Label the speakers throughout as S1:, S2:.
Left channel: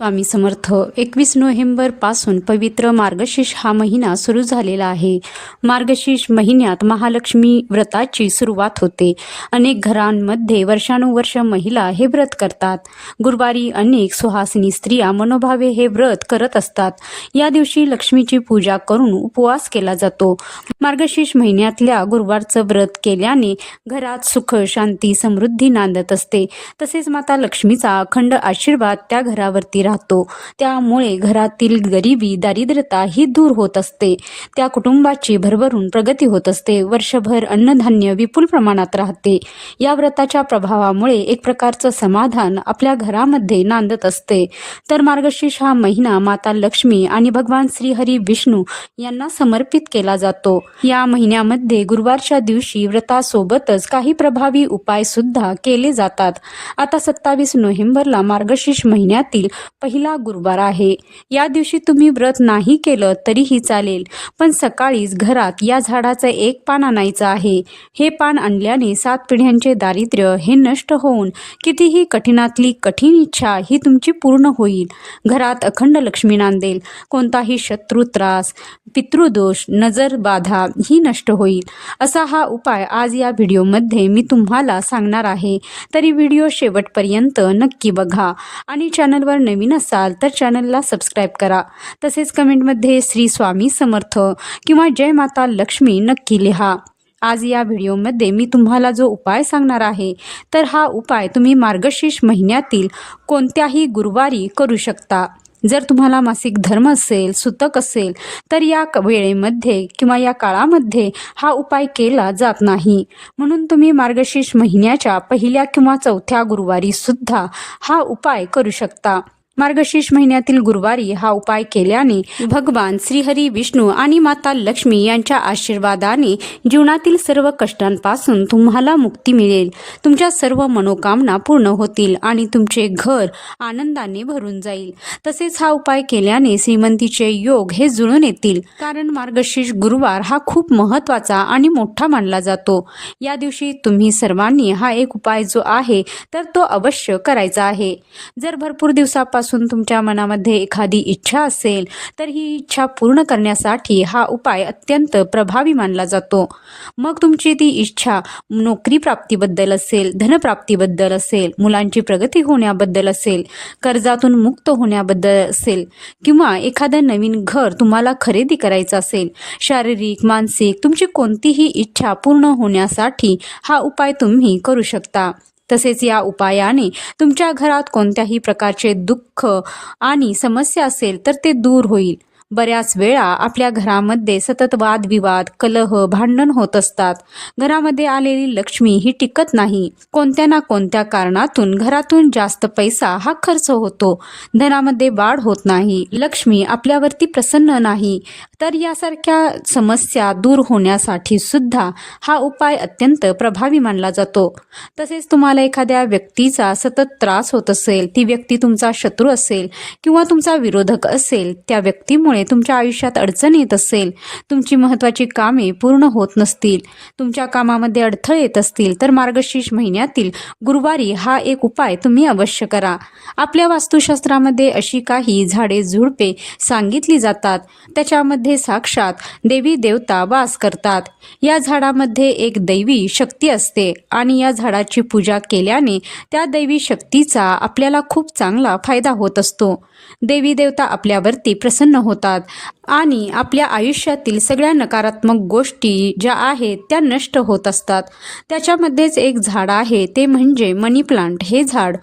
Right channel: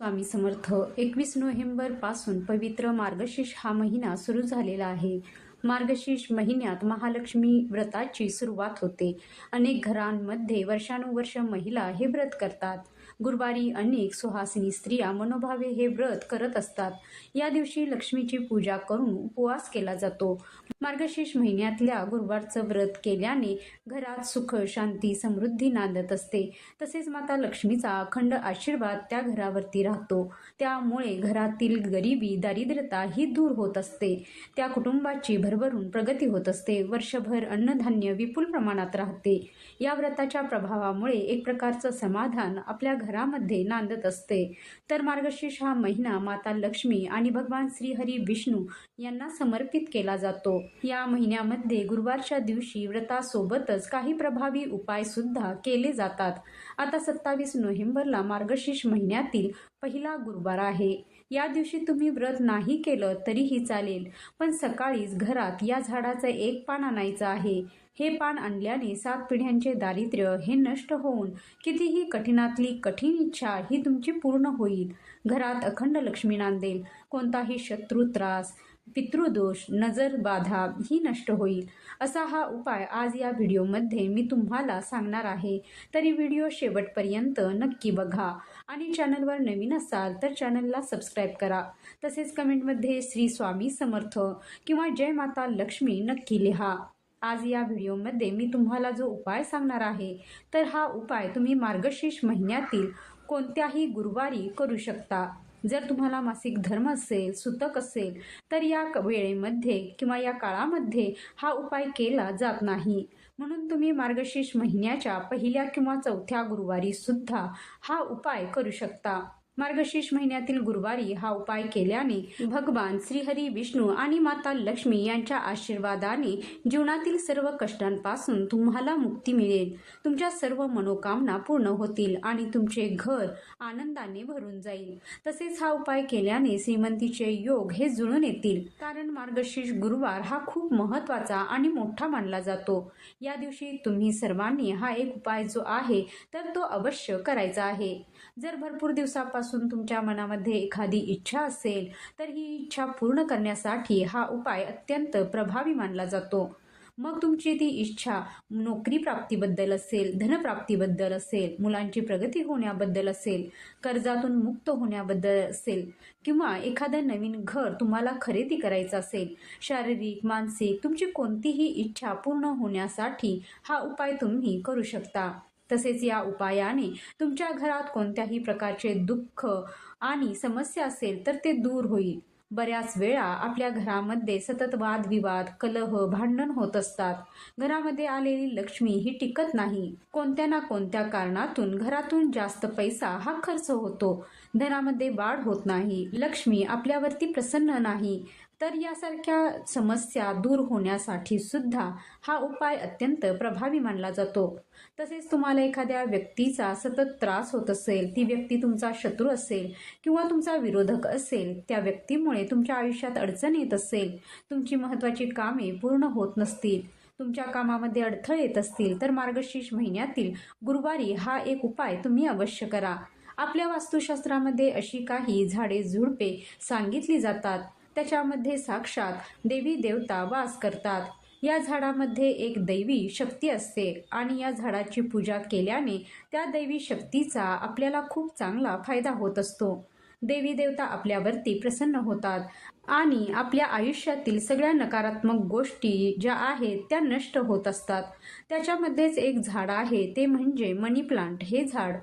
S1: स्वामी समर्थ एकवीस नोव्हेंबरपासून पवित्र मार्गशीर्ष हा महिना सुरू झालेला आहे. मार्गशीर्ष महिन्यात महालक्ष्मी व्रताची सुरुवात होते. अनेक घरांमध्ये वर्षानुवर्ष महिला हे व्रत करतात. गुरुवारी अनेक सुहासिनी स्त्रिया मनोभावे हे व्रत करत असतात. या दिवशी लक्ष्मीची पूजा करून उपवास केला जातो. मार्गशीर्ष महिन्यातल्या गुरुवारचं व्रत केल्याने घरात सुख शांती समृद्धी नांदत असते. तसेच माता लक्ष्मीचा अखंड आशीर्वाद त्या घरावरती राहतो. त्यामुळे घरातील गरिबी दारिद्र्यता ही दूर होत असते. त्या कुटुंबाची भरभरून प्रगती होत असते. वर्षभर अन्नधान्य विपुल प्रमाणात राहते. या व्रताच्या प्रभावामुळे एक प्रकारचं समाधान आपल्या घरामध्ये नांदत असते. तर मार्गशीर्ष हा महिना माता लक्ष्मी आणि भगवान श्रीहरी विष्णू यांना समर्पित केला जातो. या महिन्यामध्ये गुरुवारच्या दिवशी व्रतासोबतच काही प्रभावी उपाय सुद्धा केले जातात. आता सत्तावीस नोव्हेंबरला मार्गशीर्ष महिन्यातील पहिला गुरुवार आहे. या दिवशी तुम्ही व्रत नाही केलं तरीही चालेल पण सकाळीच घरात या झाडाचं एक पान आणायचं आहे. हे पान आणल्याने सात पिढ्यांचे दारिद्र्य हे नष्ट होऊन कितीही कठीणातली कठीण इच्छा ही तुमची पूर्ण होईल. घरात अखंड लक्ष्मी नांदेल. कोणताही शत्रू त्रास पितृदोष नजर बाधा ही नष्ट होईल. असा हा उपाय आज या व्हिडिओमध्ये मी तुम्हाला सांगणार आहे. तरी व्हिडिओ शेवटपर्यंत नक्की बघा आणि चॅनलवर नवीन असाल तर चॅनलला सबस्क्राईब करा. तसेच कमेंटमध्ये श्री स्वामी समर्थ किंवा जय माता लक्ष्मी नक्की लिहा. आज या व्हिडिओमध्ये मी तुम्हाला जो उपाय सांगणार आहे तर हा उपाय तुम्ही मार्गशीर्ष महिन्यातील कोणत्याही गुरुवारी करू शकता. जर तुम्हाला मासिक धर्म असेल सुतक असेल तर या क- वेळेमध्ये किंवा या काळामध्ये हा उपाय केला जात नाही. म्हणून तुम्ही मार्गशीर्ष महिन्याच्या पहिल्या किंवा चौथ्या गुरुवारीसुद्धा हा उपाय करू शकता. मार्गशीर्ष महिन्यातील गुरुवारी हा उपाय केल्याने भगवान श्रीहरी विष्णू आणि माता लक्ष्मी यांच्या आशीर्वादाने जीवनातील सर्व कष्टांपासून तुम्हाला मुक्ती मिळेल. तुमच्या सर्व मनोकामना पूर्ण होतील आणि तुमचे घर आनंदाने भरून जाईल. तसेच हा उपाय केल्याने श्रीमंतीचे योग हे जुळून येतील. कारण मार्गशीर्ष गुरुवार हा खूप महत्त्वाचा आणि मोठा मानला जातो. या दिवशी तुम्ही सर्वांनी हा एक उपाय जो आहे तर तो अवश्य करायचा आहे. जर भरपूर दिवसापासून तुमच्या मनामध्ये एखादी इच्छा असेल तर ही इच्छा पूर्ण करण्यासाठी हा उपाय अत्यंत प्रभावी मानला जातो. मग तुमची ती इच्छा नोकरी प्राप्तीबद्दल असेल धनप्राप्तीबद्दल असेल मुलांची प्रगती होण्याबद्दल असेल कर्जातून मुक्त होण्याबद्दल असेल किंवा एखादं नवीन घर तुम्हाला खरेदी करायचं असेल शारीरिक मानसिक तुमची कोणतीही इच्छा पूर्ण होण्यासाठी हा उपाय तुम्ही करू शकता. तसेच या उपायाने तुमच्या घरात कोणत्याही प्रकारचे दुःख आणि समस्या असेल तर ते दूर होईल. बऱ्याच वेळा आपल्या घरामध्ये सतत वादविवाद कलह भांडण होत असतात. घरामध्ये आलेली लक्ष्मी ही टिकत नाही. कोणत्या ना कोणत्या कारणातून घरातून जास्त पैसा हा खर्च होतो. धनामध्ये वाढ होत नाही. लक्ष्मी आपल्यावरती प्रसन्न नाही. तर यासारख्या समस्या दूर होण्यासाठी सुद्धा हा उपाय अत्यंत प्रभावी मानला जातो. तसेच तुम्हाला एखाद्या व्यक्तीचा सतत त्रास होत असेल ती व्यक्ती तुमचा शत्रू असेल किंवा तुमचा विरोधक असेल त्या व्यक्तीमुळे तुमच्या आयुष्यात अडचण येत असेल तुमची महत्त्वाची कामे पूर्ण होत नसतील तुमच्या कामामध्ये अडथळे येत असतील तर मार्गशीर्ष महिन्यातील गुरुवारी हा एक उपाय तुम्ही अवश्य करा. आपल्या वास्तुशास्त्रामध्ये अशी काही झाडे झुडपे सांगितली जातात. त्याच्यामध्ये साक्षात देवी देवता वास करतात. या झाडामध्ये एक दैवी शक्ती असते आणि या झाडाची पूजा केल्याने त्या दैवी शक्तीचा आपल्याला खूप चांगला फायदा होत असतो. देवी देवता आपल्यावरती प्रसन्न होतात आणि आपल्या आयुष्यातील सगळ्या नकारात्मक गोष्टी ज्या आहेत त्या नष्ट होत असतात. त्याच्यामध्येच एक झाड आहे ते म्हणजे मनी प्लांट. हे झाड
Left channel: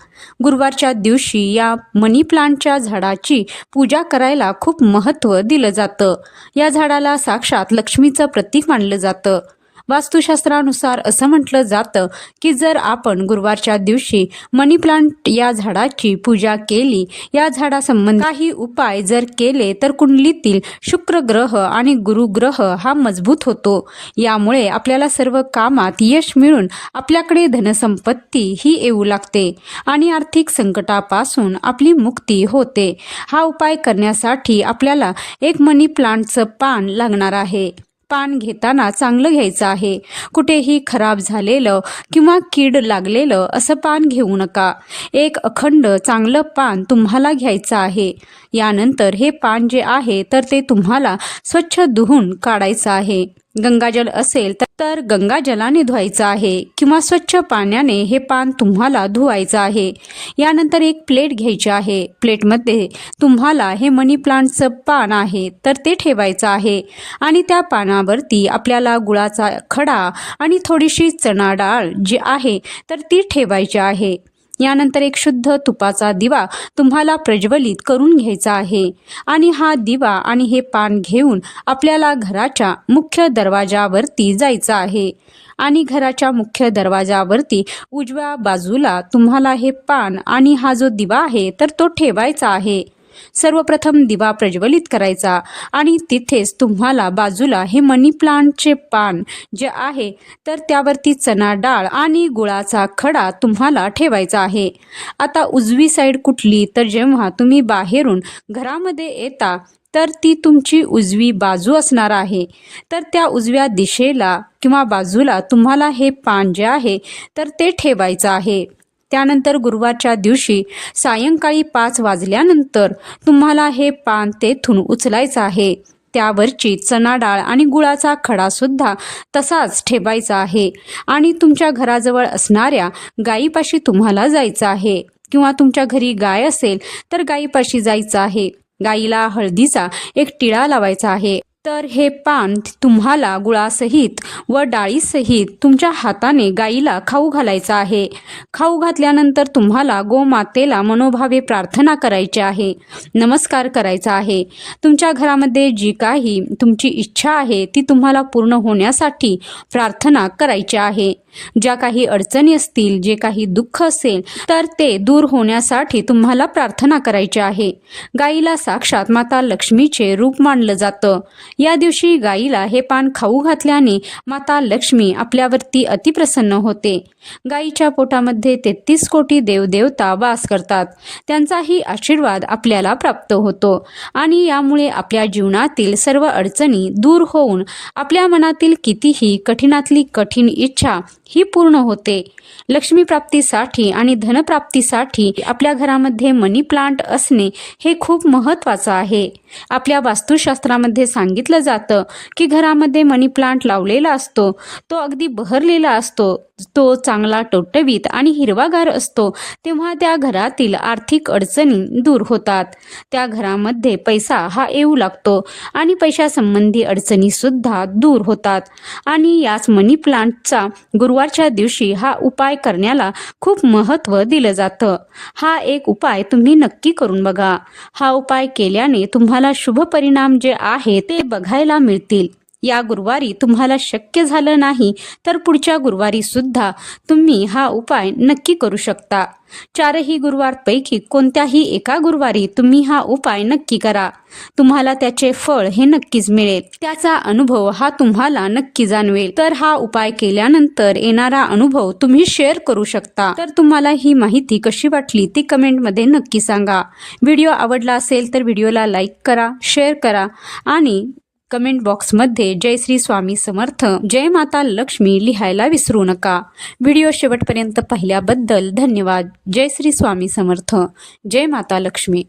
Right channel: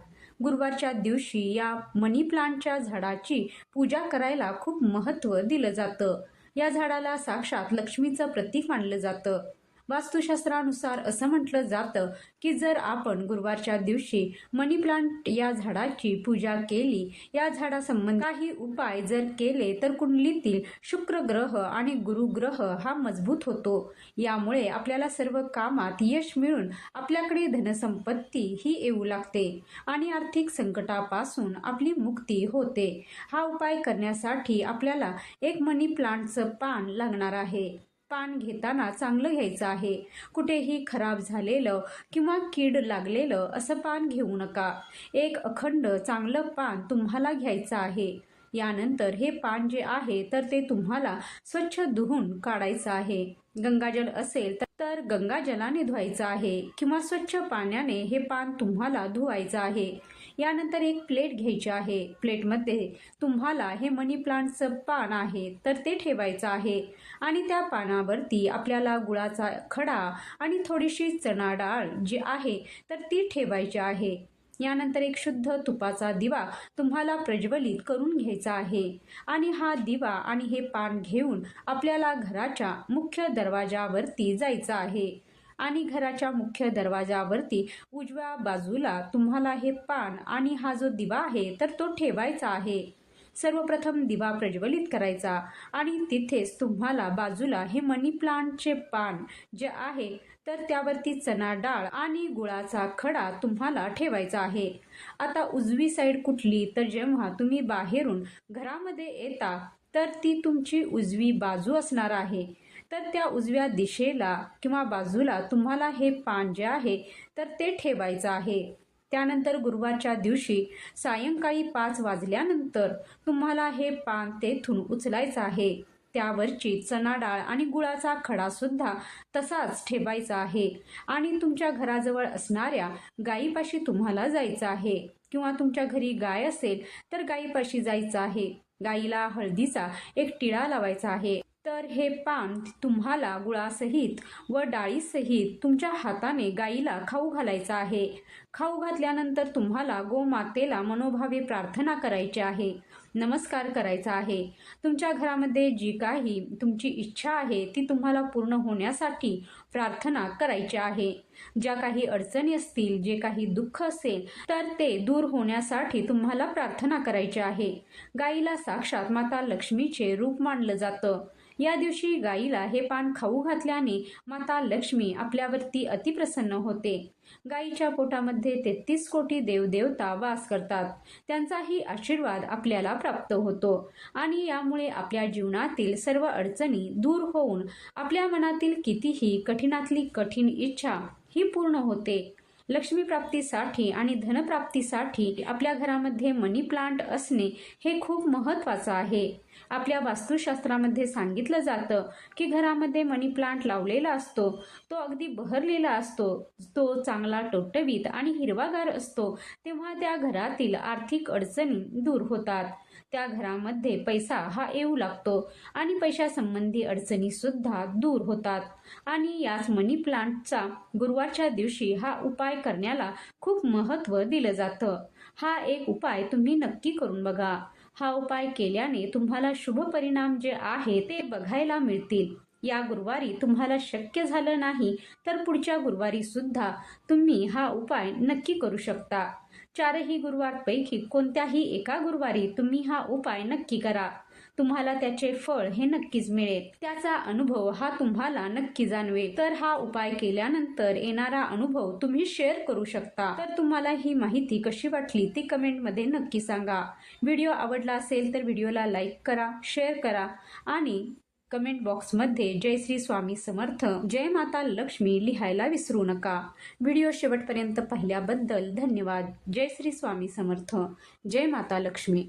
S1: गुरुवारच्या दिवशी या मनी प्लांटच्या झाडाची पूजा करायला खूप महत्त्व दिलं जातं. या झाडाला साक्षात लक्ष्मीचं प्रतीक मानलं जातं. वास्तुशास्त्रानुसार असं म्हटलं जातं की जर आपण गुरुवारच्या दिवशी मनी प्लांट या झाडाची पूजा केली या झाडासंबंधी काही उपाय जर केले तर कुंडलीतील शुक्र ग्रह आणि गुरुग्रह हा मजबूत होतो. यामुळे आपल्याला सर्व कामात यश मिळून आपल्याकडे धनसंपत्ती ही येऊ लागते आणि आर्थिक संकटापासून आपली मुक्ती होते. हा उपाय करण्यासाठी आपल्याला एक मनी प्लांटचं पान लागणार आहे. पान घेताना चांगलं घ्यायचं आहे. कुठेही खराब झालेलं किंवा कीड लागलेलं असं पान घेऊ नका. एक अखंड चांगलं पान तुम्हाला घ्यायचं आहे. यानंतर हे पान जे आहे तर ते तुम्हाला स्वच्छ धुवून काढायचं आहे. गंगाजल असेल तर- तर गंगाजलाने धुवायचं आहे किंवा स्वच्छ पाण्याने हे पान तुम्हाला धुवायचं आहे. यानंतर एक प्लेट घ्यायची आहे. प्लेटमध्ये तुम्हाला हे मनी प्लांटचं पान आहे तर ते ठेवायचं आहे. आणि त्या पानावरती आपल्याला गुळाचा खडा आणि थोडीशी चणा डाळ जी आहे तर ती ठेवायची आहे. यानंतर एक शुद्ध तुपाचा दिवा तुम्हाला प्रज्वलित करून घ्यायचा आहे. आणि हा दिवा आणि हे पान घेऊन आपल्याला घराच्या मुख्य दरवाजावरती जायचं आहे. आणि घराच्या मुख्य दरवाजावरती उजव्या बाजूला तुम्हाला हे पान आणि हा जो दिवा आहे तर तो ठेवायचा आहे. सर्वप्रथम दिवा प्रज्वलित करायचा आणि तिथेच तुम्हाला बाजूला हे मनी प्लांटचे पान जे आहे तर त्यावरती चणा डाळ आणि गुळाचा खडा तुम्हाला ठेवायचा आहे. आता उजवी साईड कुठली तर जेव्हा तुम्ही बाहेरून घरामध्ये येता तर ती तुमची उजवी बाजू असणार आहे. तर त्या उजव्या दिशेला किंवा बाजूला तुम्हाला हे पान जे आहे तर ते ठेवायचं आहे. त्यानंतर गुरुवारच्या दिवशी सायंकाळी पाच वाजल्यानंतर तुम्हाला हे पान तेथून उचलायचं आहे. त्यावरची चणा डाळ आणि गुळाचा खडासुद्धा तसाच ठेवायचा आहे. आणि तुमच्या घराजवळ असणाऱ्या गायीपाशी तुम्हाला जायचं आहे. किंवा तुमच्या घरी गाय असेल तर गायीपाशी जायचं आहे. गाईला हळदीचा एक टिळा लावायचा आहे. तर हे पान तुम्हाला गुळासहित व डाळीसहित तुमच्या हाताने गाईला खाऊ घालायचं आहे. खाऊ घातल्यानंतर तुम्हाला गोमातेला मनोभावे प्रार्थना करायची आहे. नमस्कार करायचा आहे. तुमच्या घरामध्ये जी काही तुमची इच्छा आहे ती तुम्हाला पूर्ण होण्यासाठी प्रार्थना करायची आहे. ज्या काही अडचणी असतील जे काही दुःख असेल तर ते दूर होण्यासाठी तुम्हाला प्रार्थना करायची आहे. गाईला साक्षात माता लक्ष्मीचे रूप मानलं जातं. या दिवशी गाईला हे पान खाऊ घातल्याने माता लक्ष्मी आपल्यावरती अतिप्रसन्न होते. गाईच्या पोटामध्ये तेहतीस कोटी देवदेवता वास करतात. त्यांचाही आशीर्वाद आपल्याला प्राप्त होतो आणि यामुळे आपल्या जीवनातील सर्व अडचणी दूर होऊन आपल्या मनातील कितीही कठीणातली कठीण इच्छा ही पूर्ण होते. लक्ष्मीप्राप्तीसाठी आणि धनप्राप्तीसाठी आपल्या घरामध्ये मनी प्लांट असणे हे खूप महत्त्वाचं आहे. आपल्या वास्तुशास्त्रामध्ये सांगितलं जातं की घरामध्ये मनी प्लांट लावलेला असतो तो अगदी बहरलेला असतो तो चांगला टवटवीत आणि हिरवागार असतो तेव्हा त्या घरातील आर्थिक अडचणी दूर होतात. त्या घरामध्ये पैसा हा येऊ लागतो आणि पैशासंबंधी अडचणीसुद्धा दूर होतात. आणि याच मनी प्लांटचा गुरुवारच्या दिवशी हा उपाय करण्याला खूप महत्त्व दिलं जातं. हा एक उपाय तुम्ही नक्की करून बघा. हा उपाय केल्याने तुम्हाला शुभ परिणाम जे आहे ते बघायला मिळतील. या गुरुवारी तुम्हाला शक्य झालं नाही तर पुढच्या गुरुवारी सुद्धा तुम्ही हा उपाय नक्की करू शकता. चारही गुरुवारपैकी कोणत्याही एका गुरुवारी तुम्ही हा उपाय नक्की करा. तुम्हाला त्याचे फळ हे नक्कीच मिळेल. त्याचा अनुभव हा तुम्हाला नक्की जाणवेल. तर हा उपाय केल्यानंतर येणारा अनुभव तुम्ही शेअर करू शकता. तर तुम्हाला ही माहिती कशी वाटली ती कमेंटमध्ये नक्की सांगा. व्हिडिओ आवडला असेल तर व्हिडिओला लाईक करा शेअर करा आणि कमेंट बॉक्समध्ये जय श्री स्वामी समर्थ जय माता लक्ष्मी लिहायला विसरू नका. व्हिडिओ शेवटपर्यंत पाहिल्याबद्दल धन्यवाद. जय श्री स्वामी समर्थ जय माता लक्ष्मी.